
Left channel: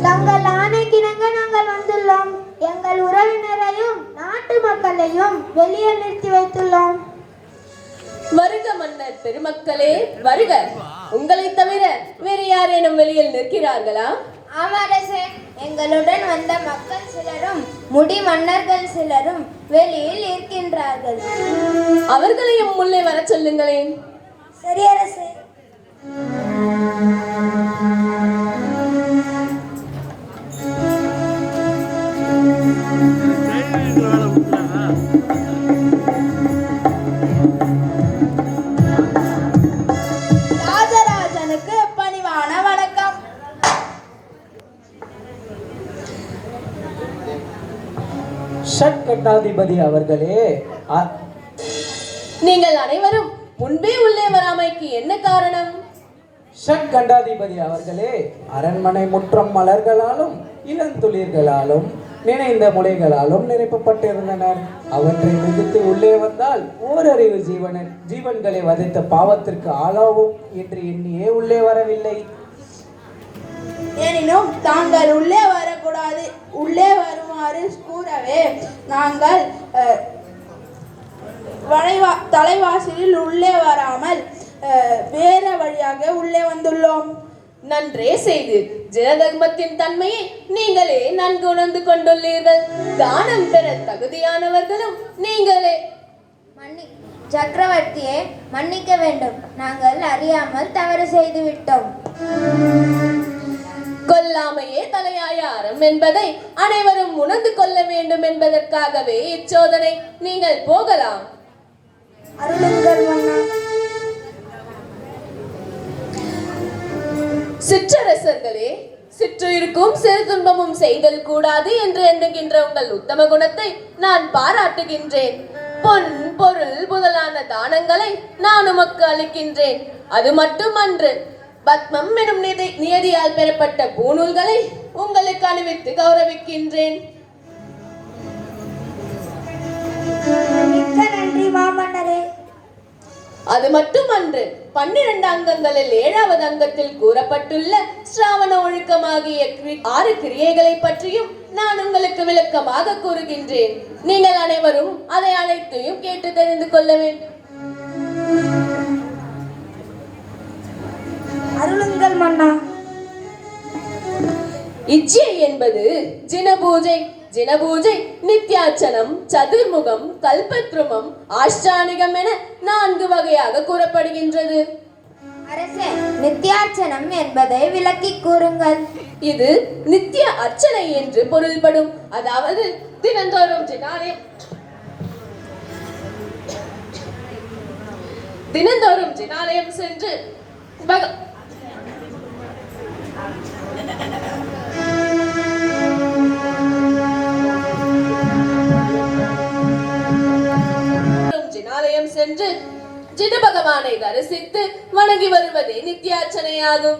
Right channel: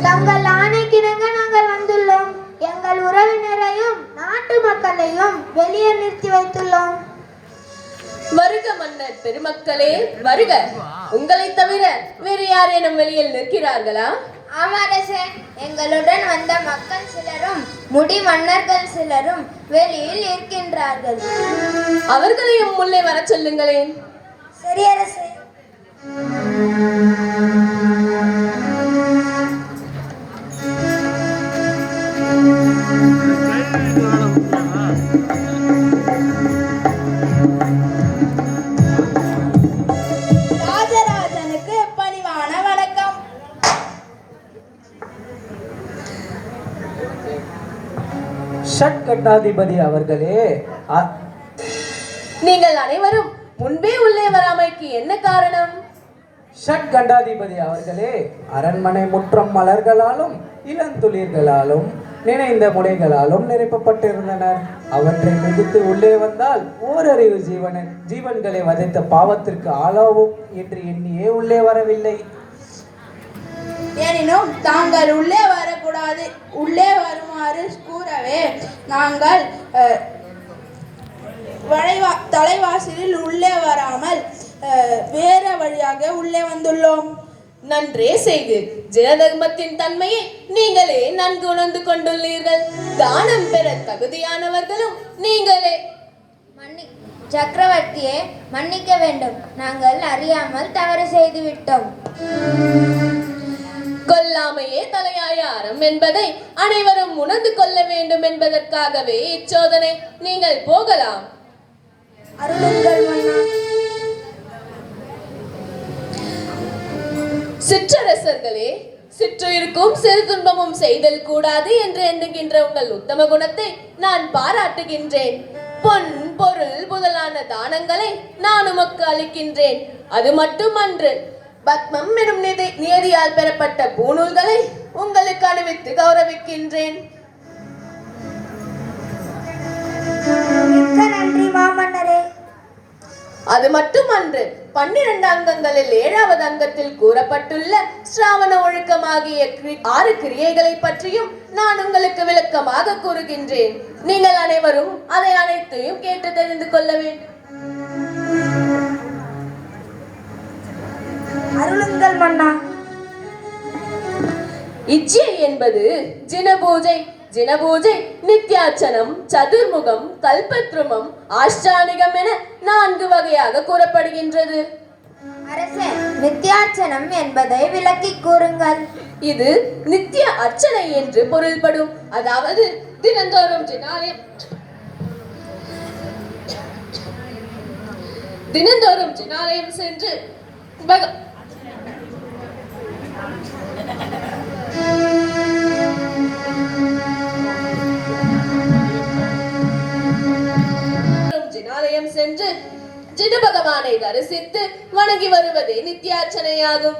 தங்கள் ஆணைக்கிணங்க நாங்கள் வந்துள்ளோம். எங்கள் உறவினரையும் நாட்டு மக்களையும் வெளியே நிறுத்தி வைத்துள்ளோம். வருக மன்னர் பெருமக்களே, வருக. உங்களை தவிர வேறு யாரேனும் வெளியில் நிற்கிறார்களா? ஆமரசே, எங்களுடன் வந்த மக்கள் சிலரும் முடி மன்னர்கள் சிலரும் வெளியில் இருக்கின்றார்கள். அவர்களையும் உள்ளே வர சொல்லுங்களேன். சரி அரசே. ராஜராஜனுக்கு பணிவான வணக்கம். ஷட்கட்டாதிபதி அவர்களே, நீங்கள் அனைவரும் முன்பே உள்ளே வராமைக்கு என்ன காரணம்? ஷட்கண்டாதிபதி அவர்களே, அரண்மனை முற்றம் மலர்களாலும் இளந்துளிர்களாலும் நினைந்த முளைகளாலும் நிரப்பப்பட்டிருந்தனர். அவற்றை மிதித்து உள்ளே வந்தால் ஓரறிவு ஜீவன்களை வதைத்த பாவத்திற்கு ஆளாவும் என்று எண்ணியே உள்ளே வரவில்லை. எனினும் தாங்கள் உள்ளே வரக்கூடாது, உள்ளே வருமாறு கூறவே நாங்கள் தலைவாசலில் உள்ளே வராமல் வேற வழியாக உள்ளே வந்துள்ளோம். நன்றே செய்து ஜனதர்மத்தின் தன்மையை நீங்களே நன்கு உணர்ந்து கொண்டுள்ளீர்கள். தானம் பெற தகுதியானவர்களும் நீங்களே. சக்கரவர்த்தியே, மன்னிக்க வேண்டும். நாங்கள் அறியாமல் தவறு செய்து விட்டோம். கொல்லாமையே தலையாய அறம் என்பதை அனைவரும் உணர்ந்து கொள்ள வேண்டும் என்பதற்காகவே இச்சோதனை. நீங்கள் போகலாம். அருளுங்கள் மன்னா. சிற்றரசர்களே, சிற்றுயிருக்கும் சிறு துன்பமும் செய்தல் கூடாது என்று எண்ணுகின்ற உங்கள் உத்தம குணத்தை நான் பாராட்டுகின்றேன். பொன் பொருள் முதலான தானங்களை நான் உமக்கு அளிக்கின்றேன். அது மட்டுமன்று, பத்மம் எனும் நியதியால் பெறப்பட்ட பூநூல்களை உங்களுக்கு அணிவித்து கௌரவிக்கின்றேன். மிக்க நன்றி மாமன்னரே. அது மட்டுமன்று, 12 அங்கங்களில் 7வது அங்கத்தில் கூறப்பட்டுள்ள ஸ்ராவண ஒழுக்கமாகிய 6 கிரியைகளை பற்றியும் நான் உங்களுக்கு விளக்கமாக கூறுகின்றேன். நீங்கள் அனைவரும் அதை அனைத்தையும் கேட்டு தெரிந்து கொள்ள வேண்டும். அருளுங்கள் மன்னா. இச்சை என்பது ஜினபூஜை. ஜினபூஜை நித்யாச்சனம், சதுர்முகம், கல்பத்ருமம், ஆஷ்டானிகம் என 4 வகையாக கூறப்படுகின்றது. அரசே, நித்யார்ச்சனம் என்பதை விளக்கி கூறுங்கள். இது நித்திய அர்ச்சனை என்று பொருள்படும். அதாவது தினந்தோறும் ஜினாலயம் சென்று சென்று ஜின பகவானை தரிசித்து வணங்கி வருவதே நித்தியார்ச்சனையாகும்.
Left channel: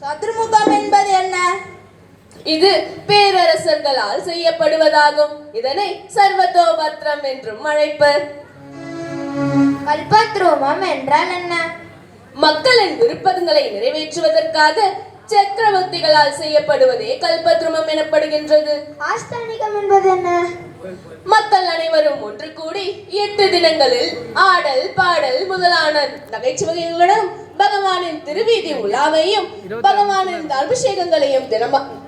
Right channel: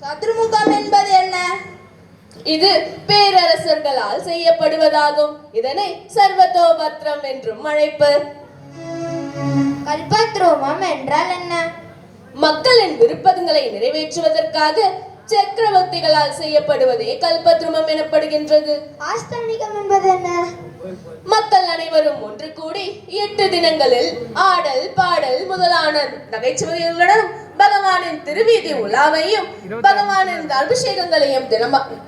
சதுர்முகம் என்பது என்ன? இது பேரரசர்களால் செய்யப்படுவதாகும். இதனை சர்வதோபத்ரம் என்றும் அழைப்பர். கல்பத்ரூமம் என்றால் என்ன? மக்களின் விருப்பங்களை நிறைவேற்றுவதற்காக சக்கரவர்த்திகளால் செய்யப்படுவதே கல்பத்ருமம் எனப்படுகின்றது. ஆஸ்தானிகம் என்பது என்ன? மக்கள் அனைவரும் ஒன்று கூடி 8 தினங்களில் ஆடல் பாடல் முதலான நகைச்சுவைகளுடன் பகவானின் திருவீதி உலாவையும் பகவானின் அபிஷேகங்களையும்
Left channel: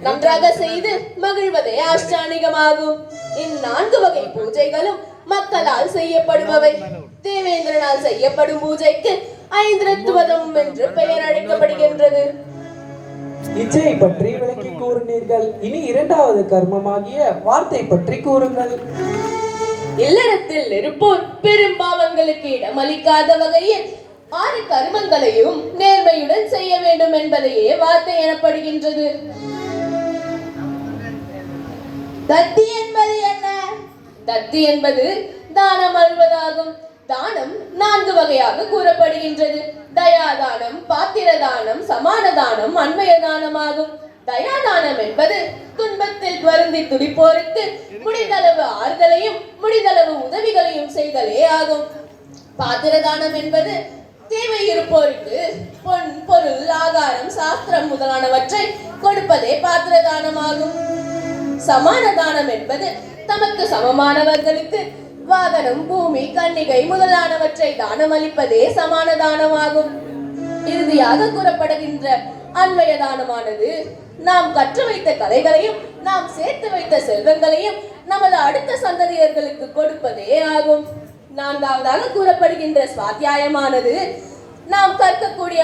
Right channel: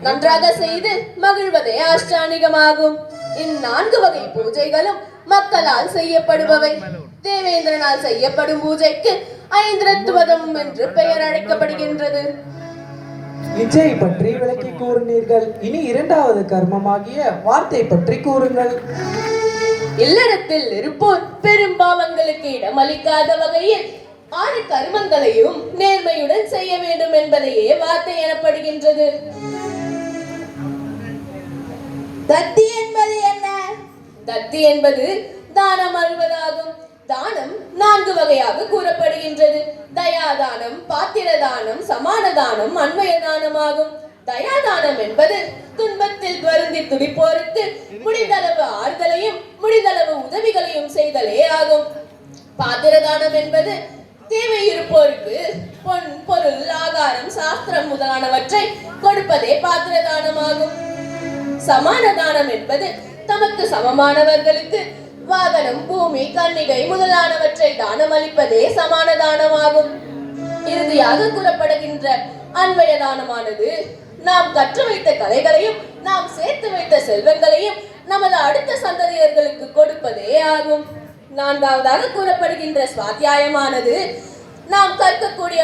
நன்றாக செய்து மகிழ்வதே அஷ்டானிகமாகும். 4 வகை பூஜைகளும் மக்களால் செய்யப்படுபவை. தேவேந்திரனால் செய்யப்படும் பூஜைக்கு ஐந்திரத்துவதம் என்று பெயர் அழைக்கப்படுகின்றது. இச்சை பற்றி விளக்கி கூறினீர்கள். இனி இரண்டாவது கர்மமாகிய வார்த்தை பற்றி கூறுங்கள். இல்லறத்தில் இருப்போர் பெரும் பாவங்களுக்கு இடமளிக்காத வகையில் 6 கர்மங்களையும் நேர்மையுடன் செய்ய வேண்டும் என்பதையே வார்த்தை எனப்படுகின்றது. தத்தி என்பது என்ன? தத்தி என்பது தானம் அருள்வதாகும். தானம் 4 வகையாக கூறப்படுகின்றது. தயாதானம், பாத்திரதானம், சமானதானம், அன்வயதானமாகும். தயாதானம் என்பது துன்பத்தில் வருந்தி துடிப்போருக்கு முடிந்தளவு ஆறுதலையும் முடிந்தளவு உதவிகளையும் செய்தலே ஆகும். பாத்திரதானம் என்பது தேவை இருப்போருக்கு பொன், பொருள், ஆகாரம், சாஸ்திரம் முதலானவற்றை கொடுப்பதே பாத்திரதானமாகும். சமானதானம் என்பது தமக்கு சமமானவர்களுக்கு வாகனம், பூமி, கன்னிகை முதலானவற்றை தானம் அளிப்பதே சமான தானமாகும். இறுதியாக கூறப்படுகின்ற அன்வய தானமானது நாம் கற்று வைத்த கலைகளையும் நாம் சேர்த்து வைத்த செல்வங்களையும் நமது அடுத்த சந்ததியர்களுக்கு கொடுப்பதே ஆகும். 4வதாக கூறப்படுகின்ற சுவாத்தியாயமானது நாம் கற்கக்கூடிய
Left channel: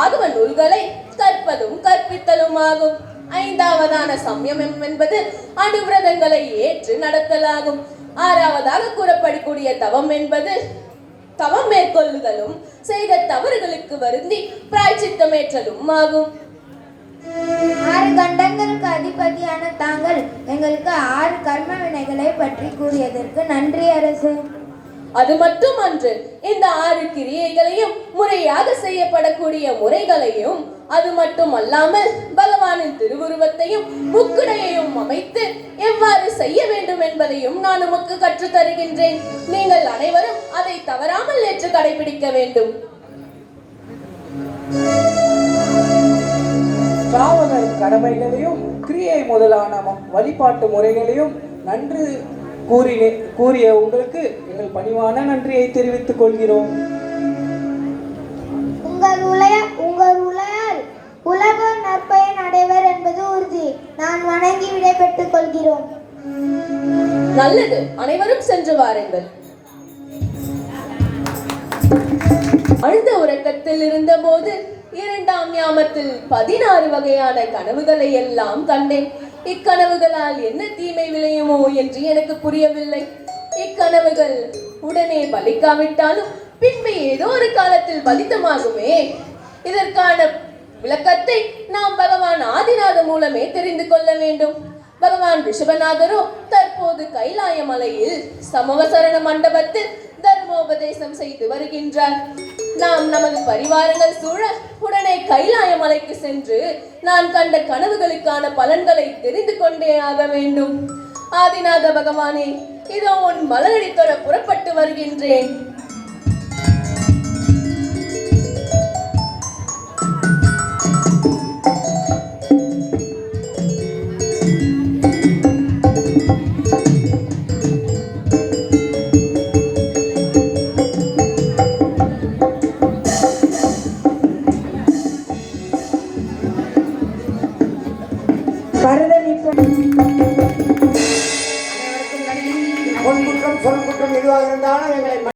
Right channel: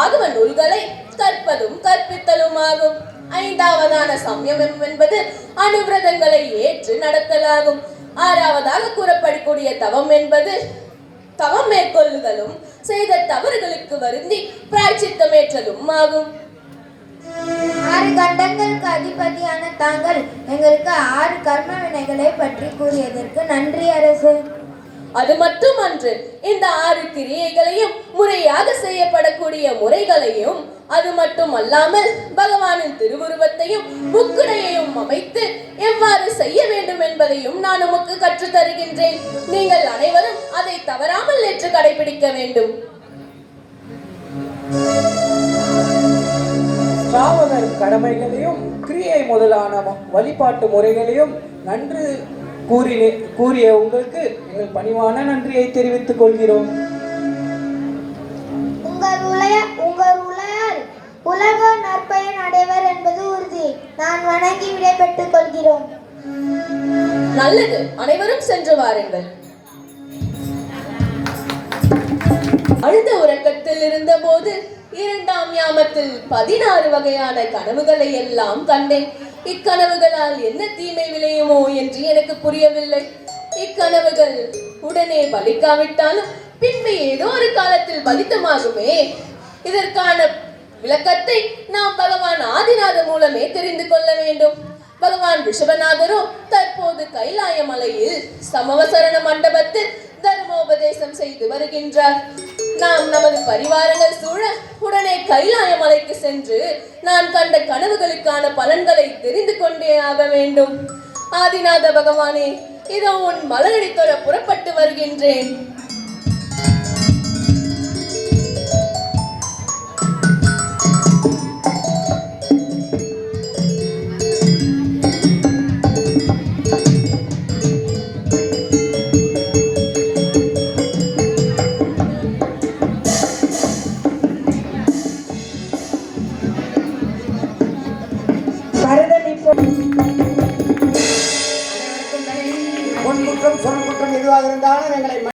ஆகம நூல்களை கற்பதும் கற்பித்தலும் ஆகும். 5வதான சம்யமம் என்பது அனுவிரதங்களை ஏற்று நடத்தலாகும். 6வதாக கூறப்படக்கூடிய தவம் என்பது தவம் மேற்கொள்ளுதலும் செய்த தவறுகளுக்கு வருந்தி பிராய்ச்சித்தமேற்றலும் ஆகும். 6 கண்டங்களுக்கு அதிபதியான தாங்கள் எங்களுக்கு 6 கர்ம வினைகளை பற்றி கூறியதற்கு நன்றி அரசு. அது மட்டுமன்று, இந்த 6 கிரியைகளையும் முறையாக செய்யப்படக்கூடிய முறைகளையும் அது மட்டுமல்லாமல் பகவானின் திருவுருவத்தையும் முக்குடையையும் அமைத்து எவ்வாறு செய்ய வேண்டும் என்பதையும் நான் உமக்கு கற்றுத் தருகின்றேன். நீங்கள் அனைவரும் அதை தவறாமல் ஏற்று கடைபிடிக்க வேண்டும். சாவகர் கடமைகளையும் கிரியை முதலான வழிபாட்டு முறைகளையும் நன்று கூறிய உங்களுக்கு எங்கள் பணிவான நன்றியை தெரிவித்துக் கொள்கிறோம். உங்கள் உலகால் உலகோர் நற்பயன் அடைவர் என்பது உறுதி. நான் வணங்கி விடைபெற்றுக் கொள்கிறோம். நல்லது, அனைவரும் சென்று வாருங்கள். ஆழ்ந்த உறக்கத்தில் இருந்த போது 2ஆம் யாமத்தில் 16 வகையான கனவுகளை எல்லாம் கண்டேன். இக்கனவுகளால் என்ன தீமை விளையுமோ என்று எனக்கு புரியவில்லை. இக்கனவுகள் உடனே பலிக்காவிட்டாலும் பின்பு ஏதோ ஒரு காலத்தில் பலித்தமாகுமே. இதற்கான விளக்கத்தை நாம் பகவான் ஆதிநாத மூலமே தெரிந்து கொள்ள வேண்டும். பகவான் ரிஷபநாதரோ தற்போது கைலாய மலையில் சமவசரண மண்டபத்தில் தர்மோபதேசம் செய்து வருகின்றார். நாம் நமது பரிவாரங்கள் சூழ உடனே கைலாய மலைக்கு சென்று நான் கண்ட கனவுகளுக்கான பலன்களை தெரிந்து கொண்டே ஆக வேண்டும். ஆதிநாத பகவானே, இதோ உன் மலரடி தொழ புறப்பட்டு வருகின்றேன். பொன் குற்றம் சொல் குற்றம் எதுவாக இருந்தாலும் எங்களை